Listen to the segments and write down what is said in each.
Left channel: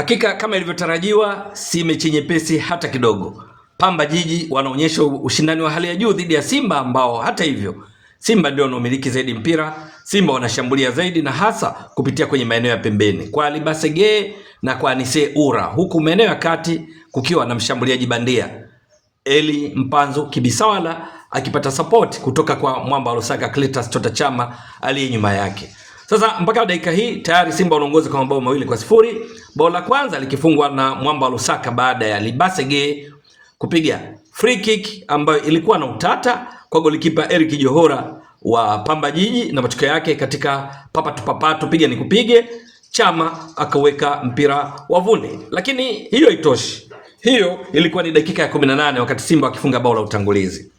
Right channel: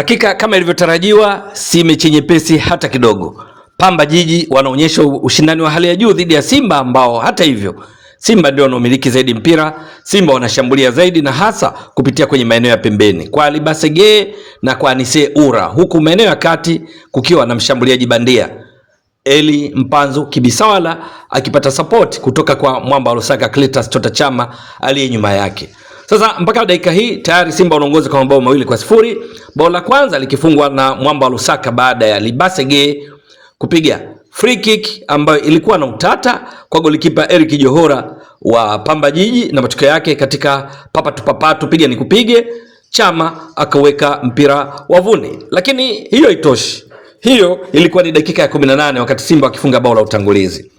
Hakika kama ilivyotarajiwa, si mechi nyepesi hata kidogo. Pamba Jiji wanaonyesha ushindani wa hali ya juu dhidi ya Simba ambao hata hivyo Simba ndio wanaomiliki zaidi mpira. Simba wanashambulia zaidi na hasa kupitia kwenye maeneo ya pembeni kwa Alibasege na kwa Anise Ura, huku maeneo ya kati kukiwa na mshambuliaji bandia Eli Mpanzu Kibisawala akipata support kutoka kwa mwamba wa Lusaka Clatous Chota Chama aliye nyuma yake. Sasa mpaka dakika hii tayari Simba wanaongoza kwa mabao 2-0. Bao la kwanza likifungwa na mwamba wa Lusaka baada ya Libasege kupiga free kick ambayo ilikuwa na utata kwa golikipa Eric Johora wa Pamba Jiji, na matokeo yake katika papatu piga ni kupige, Chama akaweka mpira wavuni. Lakini hiyo haitoshi. Hiyo ilikuwa ni dakika ya 18 wakati Simba wakifunga bao la utangulizi.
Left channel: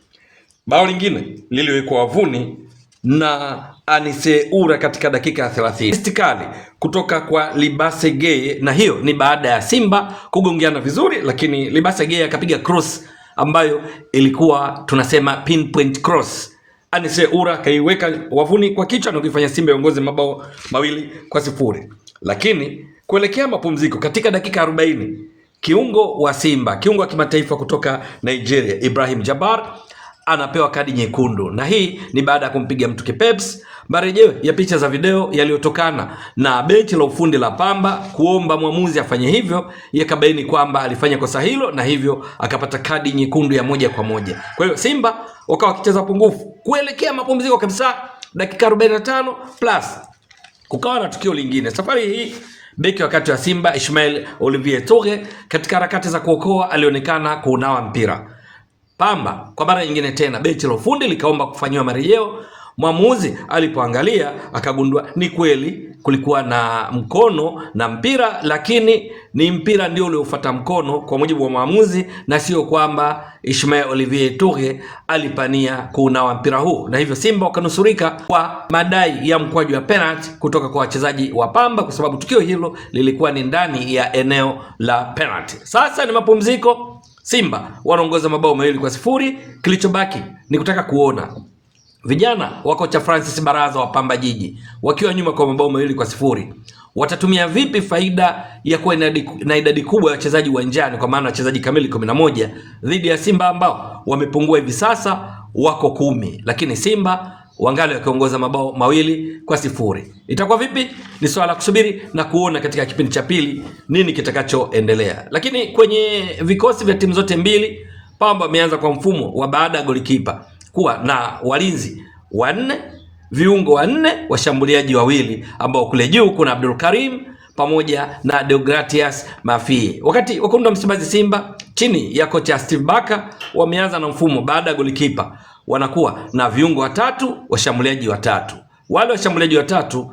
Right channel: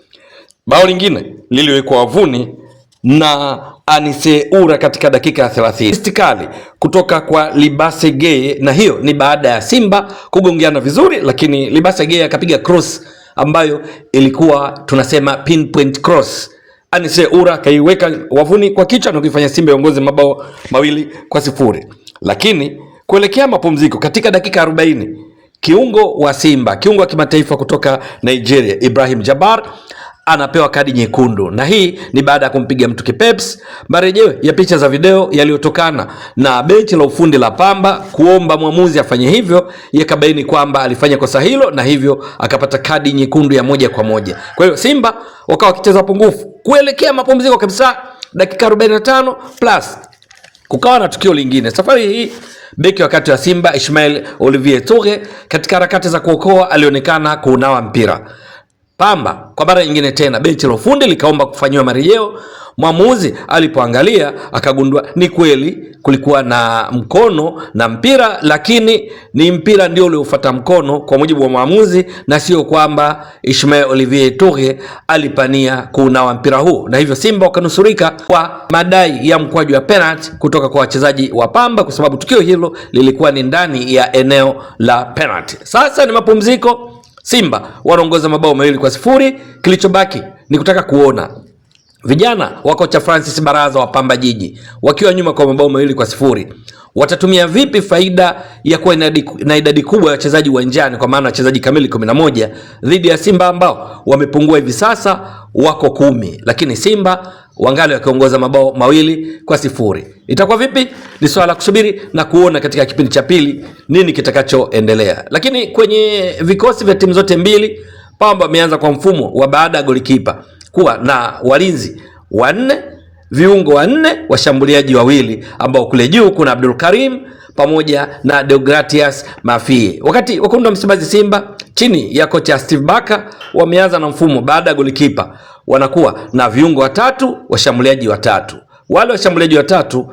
Bao lingine liliwekwa wavuni na Anise Ura katika dakika ya 30. Istikali kutoka kwa Libasege, na hiyo ni baada ya Simba kugongeana vizuri, lakini Libasege akapiga cross ambayo ilikuwa tunasema pinpoint cross. Anise Ura kaiweka wavuni kwa kichwa na kuifanya Simba iongoze mabao 2-0. Lakini kuelekea mapumziko katika dakika 40, kiungo wa Simba, kiungo wa kimataifa kutoka Nigeria, Ibrahim Jabbar anapewa kadi nyekundu, na hii ni baada ya kumpiga mtu kipeps. Marejeo ya picha za video yaliyotokana na benchi la ufundi la Pamba kuomba mwamuzi afanye hivyo, yakabaini kwamba alifanya kosa hilo na hivyo akapata kadi nyekundu ya moja kwa moja. Kwa hiyo Simba wakawa wakicheza pungufu kuelekea mapumziko kabisa, dakika 45 plus kukawa na tukio lingine. Safari hii beki wakati wa Simba Ismail Olivier Toure katika harakati za kuokoa alionekana kuunawa mpira. Pamba kwa mara nyingine tena benchi la ufundi likaomba kufanywa marejeo. Mwamuzi alipoangalia akagundua ni kweli kulikuwa na mkono na mpira, lakini ni mpira ndio uliofuata mkono kwa mujibu wa mwamuzi, na sio kwamba Ismail Olivier Toure alipania kuunawa mpira huu, na hivyo Simba wakanusurika kwa madai ya mkwaju wa penalty kutoka kwa wachezaji wa Pamba, kwa sababu tukio hilo lilikuwa ni ndani ya eneo la penalty. Sasa ni mapumziko. Simba wanaongoza mabao 2-0. Kilichobaki ni kutaka kuona vijana wa kocha Francis Baraza wa Pamba Jiji wakiwa nyuma kwa mabao 2-0 watatumia vipi faida ya kuwa na idadi kubwa ya wachezaji uwanjani, kwa maana wachezaji kamili 11 dhidi ya Simba ambao wamepungua hivi sasa wako 10, lakini Simba wangali wakiongoza mabao 2-0. Itakuwa vipi? Ni swala la kusubiri na kuona katika kipindi cha pili nini kitakachoendelea. Lakini kwenye vikosi vya timu zote mbili, Pamba ameanza kwa mfumo wa baada ya golikipa kuwa na walinzi 4, viungo 4, washambuliaji 2 ambao kule juu kuna Abdul Karim pamoja na Deogratias Mafie. Wakati wekundu wa Msimbazi Simba chini ya kocha Steve Barker wameanza na mfumo baada ya golikipa wanakuwa na viungo 3, washambuliaji 3. Wale washambuliaji 3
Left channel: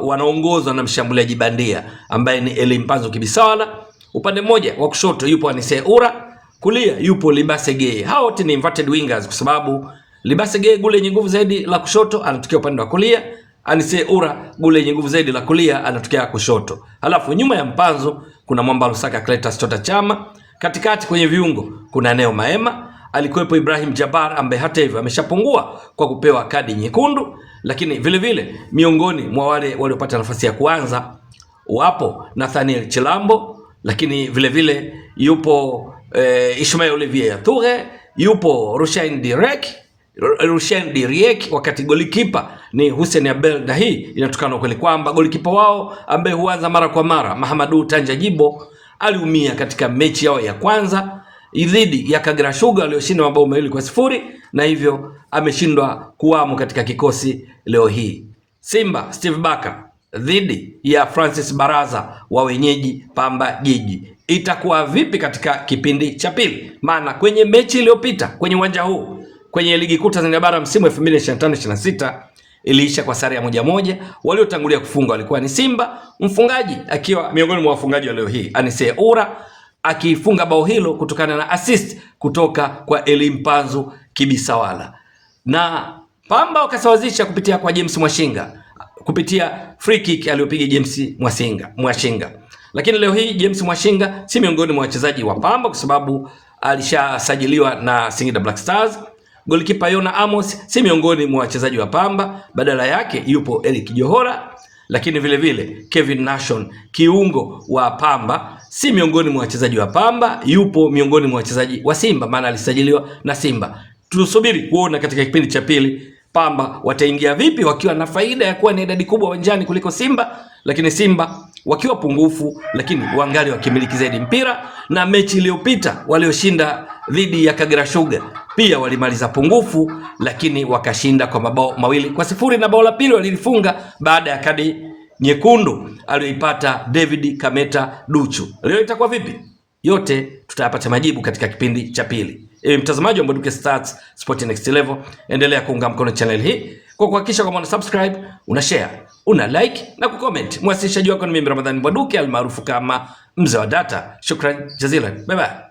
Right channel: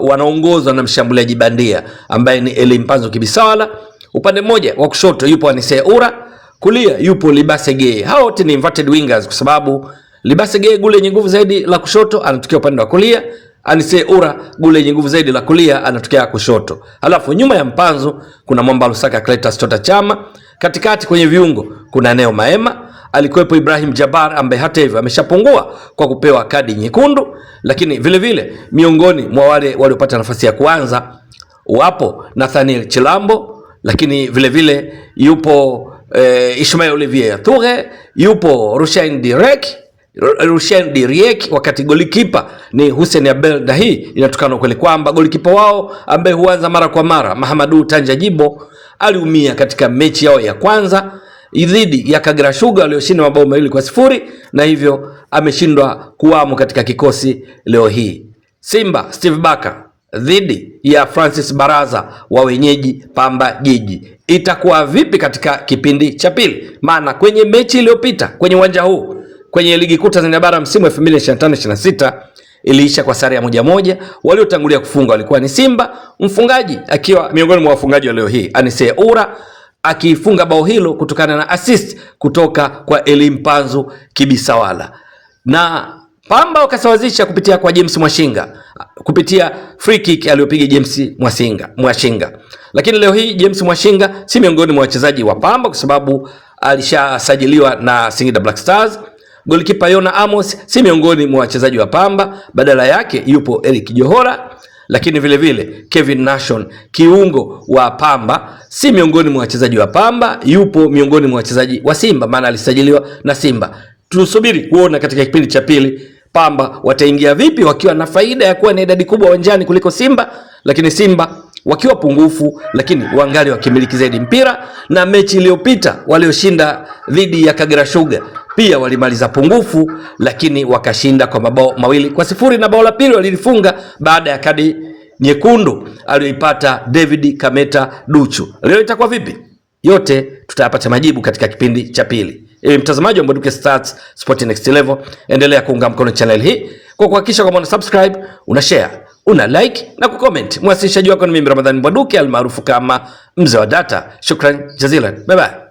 wanaongozwa na mshambuliaji bandia ambaye ni Eli Mpanzu Kibisawala. Upande mmoja wa kushoto yupo Anise Ura, kulia yupo Libasege. Hao wote ni inverted wingers kwa sababu Libasege gule yenye nguvu zaidi la kushoto anatokea upande wa kulia, Anise Ura gule yenye nguvu zaidi la kulia anatokea kushoto. Halafu nyuma ya Mpanzu kuna mwamba Lusaka Clatous Chota Chama, katikati kwenye viungo kuna Neo Maema, alikuwepo Ibrahim Jabbar ambaye hata hivyo ameshapungua kwa kupewa kadi nyekundu, lakini vile vile miongoni mwa wale waliopata nafasi ya kuanza wapo Nathaniel Chilambo, lakini vile vile yupo Ismail Olivier Toure, yupo Rushain Diriek, wakati golikipa ni Hussein Abel. Na hii inatokana kweli kwamba golikipa wao ambaye huanza mara kwa mara Mahamadou Tanja Jibo aliumia katika mechi yao ya kwanza dhidi ya Kagera Sugar walioshinda mabao 2-0, na hivyo ameshindwa kuwamo katika kikosi leo hii. Simba Steve Barker dhidi ya Francis Baraza wa wenyeji Pamba Jiji. Itakuwa vipi katika kipindi cha pili? Maana kwenye mechi iliyopita kwenye uwanja huu kwenye ligi kuu Tanzania bara msimu 2025-26 iliisha kwa sare ya 1-1. Waliotangulia kufunga walikuwa ni Simba, mfungaji akiwa miongoni mwa wafungaji wa leo hii Anise Ura akifunga bao hilo kutokana na assist kutoka kwa Eli Mpanzu Kibisawala, na Pamba wakasawazisha kupitia kwa James Mwashinga kupitia free kick aliyopiga James Mwashinga. Lakini leo hii James Mwashinga si miongoni mwa wachezaji wa Pamba kwa sababu alishasajiliwa na Singida Black Stars. Golikipa Yona Amos si miongoni mwa wachezaji wa Pamba, badala yake yupo Eric Johora. lakini vile vile Kevin Nation, kiungo wa Pamba, si miongoni mwa wachezaji wa Pamba, yupo miongoni mwa wachezaji wa Simba, maana alisajiliwa na Simba. Tusubiri kuona katika kipindi cha pili Pamba wataingia vipi wakiwa na faida ya kuwa na idadi kubwa uwanjani kuliko Simba, lakini Simba wakiwa pungufu lakini wangali wakimiliki zaidi mpira. Na mechi iliyopita walioshinda dhidi ya Kagera Sugar pia walimaliza pungufu, lakini wakashinda kwa mabao 2-0, na bao la pili walilifunga baada ya kadi nyekundu aliyoipata David Kameta Duchu. Leo itakuwa vipi? Yote tutayapata majibu katika kipindi cha pili. Mtazamaji wa Mbwaduke Stats Sport Next Level, endelea kuunga mkono channel hii kwa kuhakikisha kwamba una subscribe, una share, una like na kucomment. Mwasilishaji wako ni mimi Ramadhani Mbwaduke almaarufu kama Mzee wa Data. Shukran jazilan. Bye bye.